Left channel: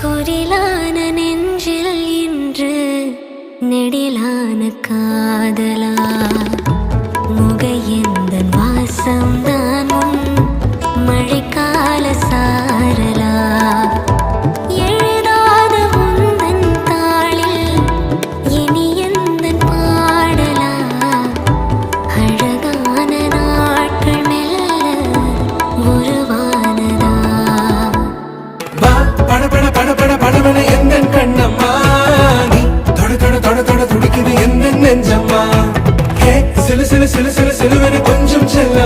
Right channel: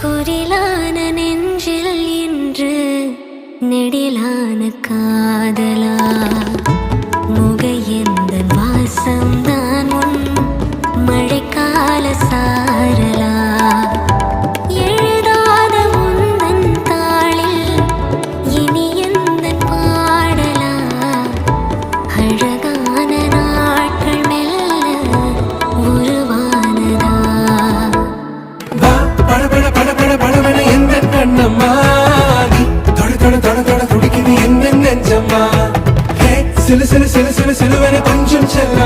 குரிலான நெஞ்சில் இன்று நெடிலான காதலா முகையெந்த வாசம்தான் உன் மழைக்கால சாரலா எழுதாத உந்தன் தாளில் இனி எந்தன் பாடலா அழகான நாட்கள் மெல்ல உருவானதா படபட படபட படபட எந்தன் கண்ணம்மா நீ தொட தொட தொட தொட துடிக்குது எந்தன் நெஞ்சம்மா சிலு சிலு சிலு சிலு சிலுவென கொஞ்சம் செல்ல